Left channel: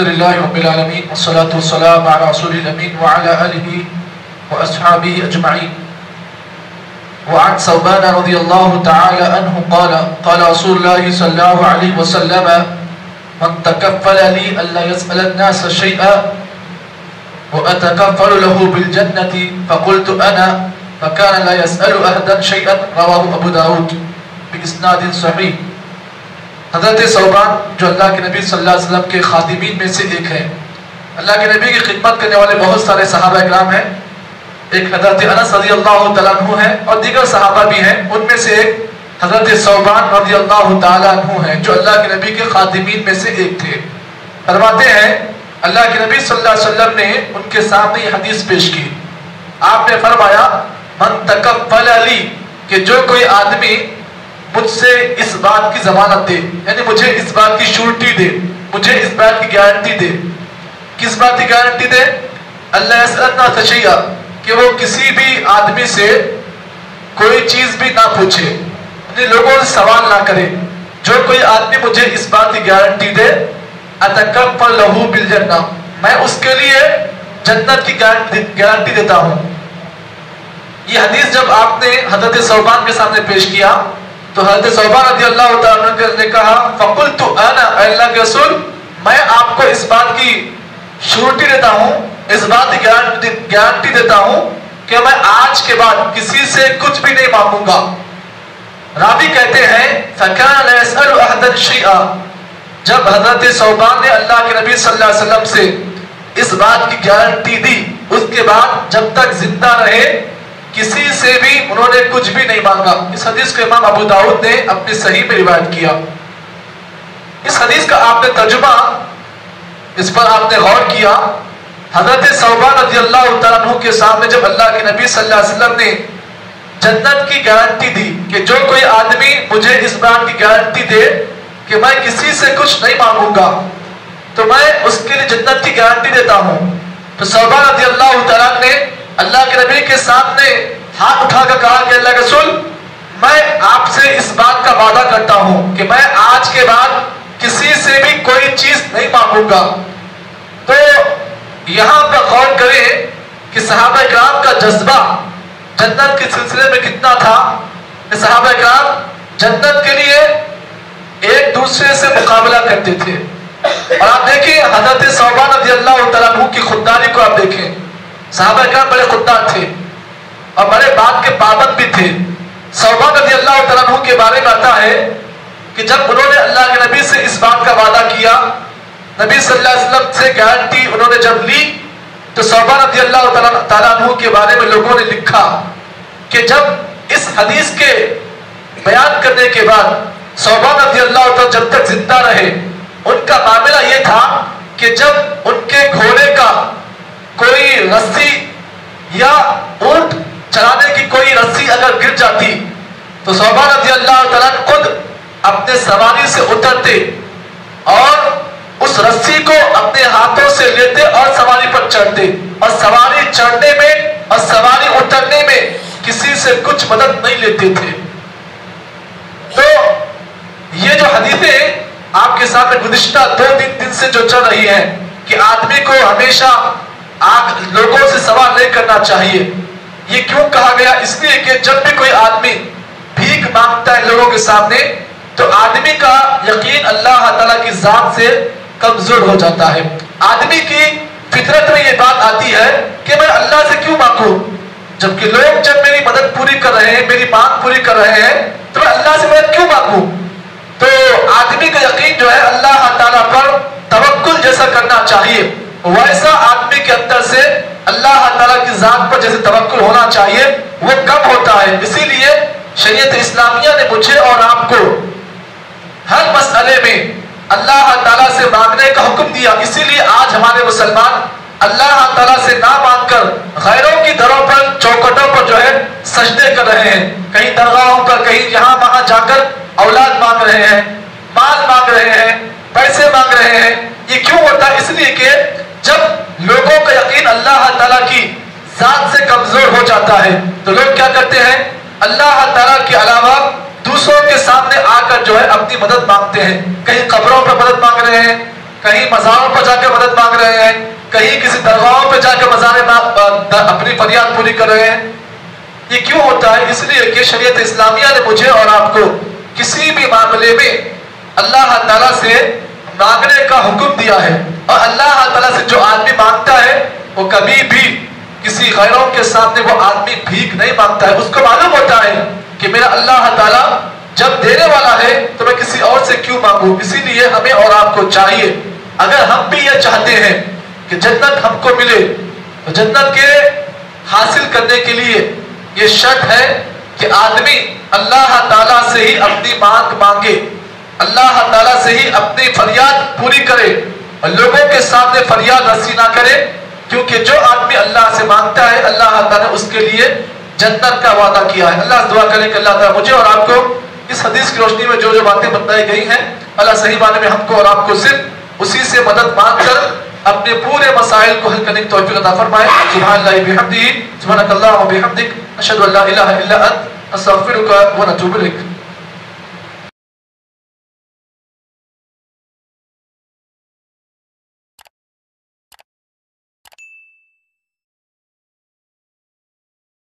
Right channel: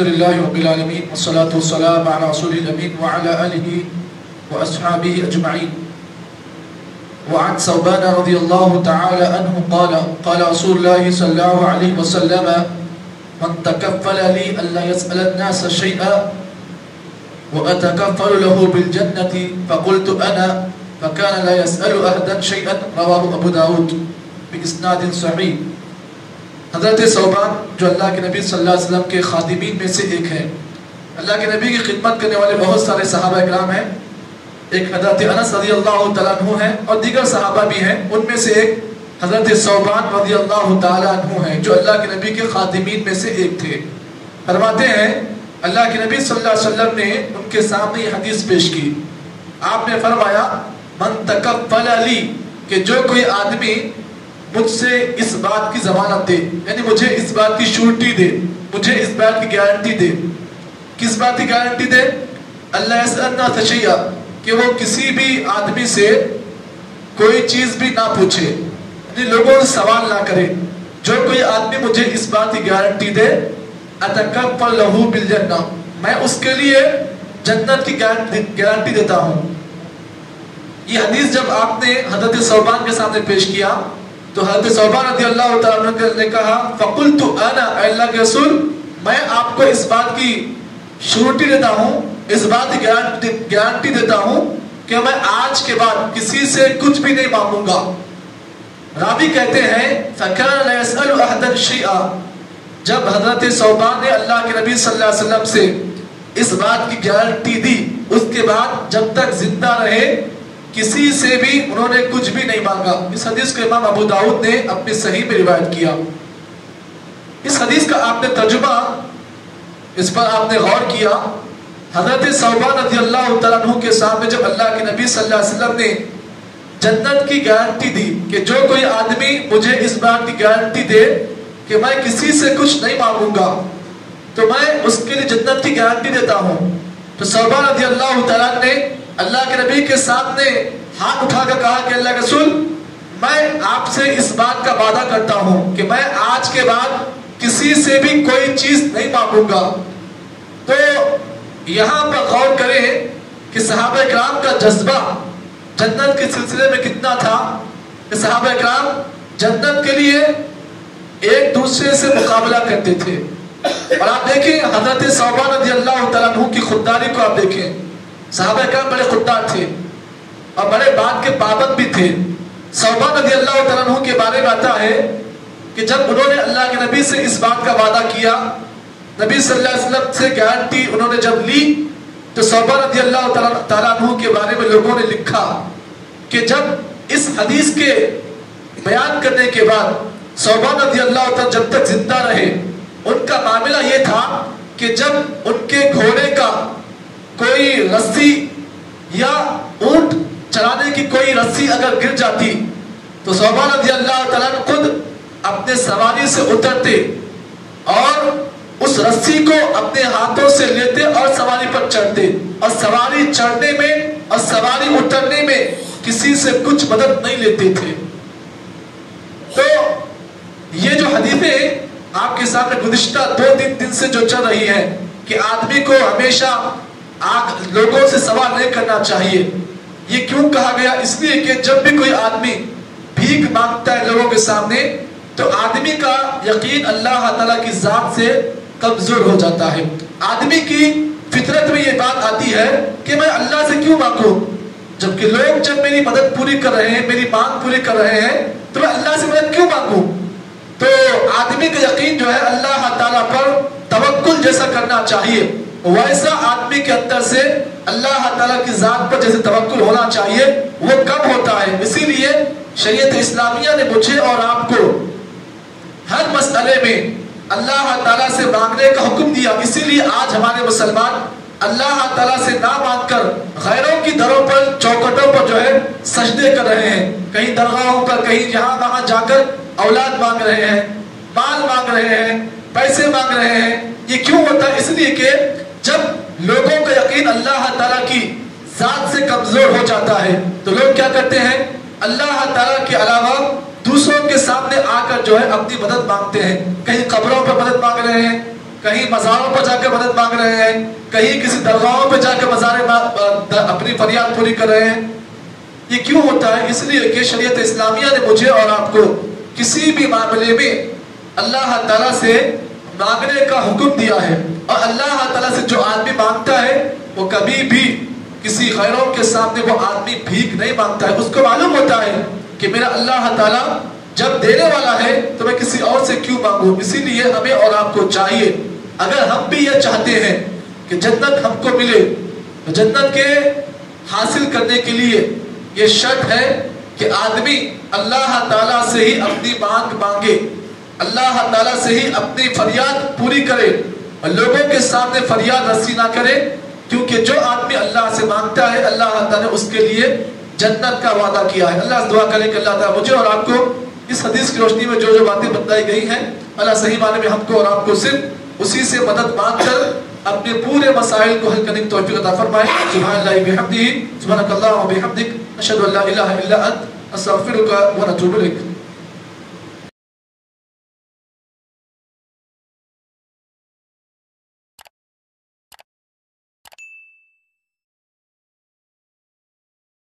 الحمدللہ رب العالمین والصلاة والسلام علی رسول الامین وعلی آلہ واصحابہ اجمعین. وعن ثوبان رضی اللہ تعالی عنہ قال قال رسول اللہ صلی اللہ علیہ وسلم من تکفل لی الا يسأل الناس شیئا واتکفل له بالجنة فقلت انا فكان لا يسأل احدا شیئا رواه ابو داود باسناد صحیح. حضرت ثوبان جو اللہ کے نبی صلی اللہ علیہ وسلم کے خادمین میں سے ایک ہیں. اللہ کے نبی کی خدمت کرنے والے بہت سارے صحابہ اکرام ہیں. ایک حضرت انس رضی اللہ تعالیٰ عنہ ہیں اور دیگر صحابہ بھی ہیں. ان میں سے ایک حضرت ثوبان رضی اللہ تعالیٰ عنہ ہیں جو اللہ کے نبی کے خادمین میں سے ایک تھے. فرماتے ہیں اللہ کے نبی صلی اللہ علیہ وسلم نے ان کے سامنے یہ حدیث پیش کی. آپ نے فرمایا من تکفل لی کہ جو کوئی آدمی مجھ سے اس بات کی ضمانت دے, یعنی مجھے اس بات کی شورٹی دے, مجھے اس بات کی گارنٹی دے. کس بات کی گارنٹی دے؟ اللہ یسألنا تشیئا کہ وہ کسی بھی آدمی سے کوئی چیز بھی نہ پوچھے, یعنی لوگوں سے سوال نہ کرے. جو کوئی آدمی مجھے اس بات کی گارنٹی دے اتکفل لہ بالجنہ, میں اس کے لیے جنت کی گارنٹی دیتا ہوں. یہ حدیث جب آپ نے حضرت ثوبان کے سامنے پیش کیا تو حضرت ثوبان رضی اللہ تعالیٰ عنہ نے کہا فقلت انا, اے اللہ کے رسول میں آپ کو اس بات کی شورٹی دیتا ہوں, اس بات کی گارنٹی دیتا ہوں کہ میں آج کے بعد کسی سے کچھ بھی نہیں مانگوں گا. راوی کہتے ہیں فَكَانَ لَا يَسْأَلُ أَحَدًا شَيْئًا, جب حضرت ثوبان نے اللہ کے نبی صلی اللہ علیہ وسلم سے اس بات کی گارنٹی دی, اس کے بعد جب تک زندہ رہے کسی سے بھی انہوں نے کچھ بھی نہیں مانگا. اس حدیث کو امام ابو داؤد نے اپنی صحیح میں روایت کیا. اس حدیث کا آپ نے ترجمہ, اس پر آپ نے غور کیا. حضرت ثوبان رضی اللہ تعالیٰ عنہ کے سامنے جب اللہ کے نبی صلی اللہ علیہ وسلم نے جنت کی گارنٹی دی کہ جو کوئی آدمی مجھے اس بات کی گارنٹی دے کہ میں کسی سے کچھ نہیں مانگوں گا تو میں اس کے لیے جنت کی گارنٹی دیتا ہوں, تو ثوبان رضی اللہ تعالیٰ نے اللہ کے نبی کے سامنے ہاتھ اٹھا کر کہا کہ اللہ کے رسول میں آپ سے اس بات کا وعدہ کرتا ہوں کہ میں آج کے بعد کسی سے بھی کوئی چیز نہیں مانگوں گا. تو یہاں پر غور کریں کہ صحابہ اکرام کا جذبہ جنت کے سلسلے میں کتنا تھا. کہ صحابہ اکرام جنت کے لیے ایک دوسرے سے مقابلہ کرتے تھے. اور آپ دیکھیں حضرت ثوبان رضی اللہ تعالیٰ عنہ کی خودداری کو آپ دیکھیں. صحابہ اکرام بڑے خوددار تھے اور بڑے بات کے پابند بھی تھے. ثوبان رضی اللہ تعالیٰ عنہ کے بارے میں آتا ہے کہ جب انہوں نے اللہ کے نبی سے اس بات کا وعدہ کیا, نبی صلی اللہ علیہ وسلم سے گارنٹی انہوں نے جب لی, تو ثوبان رضی اللہ تعالیٰ عنہ کے بارے میں لوگوں نے لکھا کہ جب اس حدیث کے بیان کرنے کے بعد ثوبان رضی اللہ تعالیٰ جب تک زندہ رہے ان کا معاملہ یہ تھا کہ جب ان کے گھوڑے کا کوئی رسی یا اونٹ چلانے کی کوئی رسی اگر گر جاتی تو ثوبان رضی اللہ تعالیٰ خود اپنے سواری سے اترتے اور اس رسی کو اپنے ہاتھوں سے لیتے اور سواری پر چڑھتے, اور سواری چڑھنے میں اور سواری اترنے میں کسی سے کچھ مدد نہیں لیتے تھے. تو یہ جو حدیثیں آپ کے سامنے گزشتہ 2-3 دن سے جو چل رہی ہیں کہ آدمی کو ہمیشہ لوگوں سے سوال نہیں کرنا چاہیے, یہ کیوں کہا گیا؟ اس لیے کہ جب بھی کوئی آدمی بھیک مانگتا ہے لوگوں کے سامنے تو آدمی کا یقین اللہ تعالیٰ کی ذات سے کمزور ہو جاتا ہے. آدمی کی فطرت میں یہ بات آتی ہے کہ میں اللہ سے کیوں مانگوں, جبکہ لوگ جب میری مدد پوری کر رہے ہیں, میری مانگ پوری کر رہے ہیں, تو میں اللہ سے مدد کیوں مانگوں. تو آدمی کا یقین جو ہے اللہ تعالیٰ پر توکل جیسا کرنا چاہیے, ویسا آدمی کے اندر سے اللہ تعالیٰ کی ذات پر جیسے توکل ہونا چاہیے وہ کم ہوتا ہے. اسی لیے شریعت اسلامیہ نے مجھے اور آپ کو ہر مسئلے میں اللہ تعالیٰ سے مانگنے کا حکم دیا. اسی لیے آج ہمارے مسلمان اللہ تعالیٰ سے نہ مانگ کر غیروں کی دروں پر چوکٹوں پر جو ہے سجدے کر رہے ہیں, کہیں درگاہوں پر, کہیں یہاں وہاں جا کر اولاد مانگ رہے ہیں, مال مانگ رہے ہیں, پیسے مانگ رہے ہیں. یہ کیوں ہوتا ہے؟ اس لیے کہ جب لوگوں کا یقین اللہ تعالیٰ کی ذات سے کمزور ہو جاتا ہے تو لوگ کیا کرتے ہیں, اللہ تعالیٰ کے علاوہ دوسروں کے سامنے آ کر جو ہے اپنی مدد مانگتے ہیں. کہیں قبروں پر مدد مانگ رہے ہیں, کہیں مزاروں پر جا کے مدد مانگ رہے ہیں، کہیں کسی درگاہوں پہ جا کے اپنی فریاد پوری کر رہے ہیں. یہ کیوں ہوتا ہے؟ اس لیے کہ شریعت اسلامیہ نے مجھے اور آپ کو کسی بھی معاملے میں اللہ تعالیٰ سے مانگنے کا حکم دیا ہے. اور اللہ تعالیٰ سے جو آدمی مانگتا ہے وہ کبھی بھی کسی غیروں کے سامنے وہ آدمی بھیک نہیں مانگتا ہے. اس کو معلوم ہوتا ہے کہ میرا اللہ تعالیٰ جب دینے والا ہے تو میں کسی اور سے کیوں مانگوں. اسی لیے ہمیں اور آپ کو چاہیے، اگر ہم بھی یہ چاہتے ہیں کہ جنت ہم کو ملے تو جنت کے حاصل کرنے کے لیے یہ شرط ہے کہ آدمی اللہ تعالیٰ سے ہی اپنی مانگ مانگے، اللہ تعالیٰ سے ہی اپنی فریاد پوری کرے اور لوگوں کے سامنے فریاد رسی نہ کرے. کیونکہ جو آدمی اللہ سے مانگتا ہے اللہ تعالیٰ نے اس کے لیے جنت کا وعدہ کیا ہے. اللہ سے دعا کریں کہ اللہ تعالیٰ مجھے اور آپ کو اس حدیث کی روشنی میں جو جو باتیں بتائی گئی ہیں اللہ صحیح معنی میں ہم کو اور آپ کو صرف اسی سے مدد مانگ کر اپنے پورے مسائل کو حل کرنے کی توفیق عطا فرمائے. سبحان اللہ بحمدہ، سبحانک اللہم وبحمدک، اشہد ان لا الہ الا انت، استغفرک و اتوب الیک.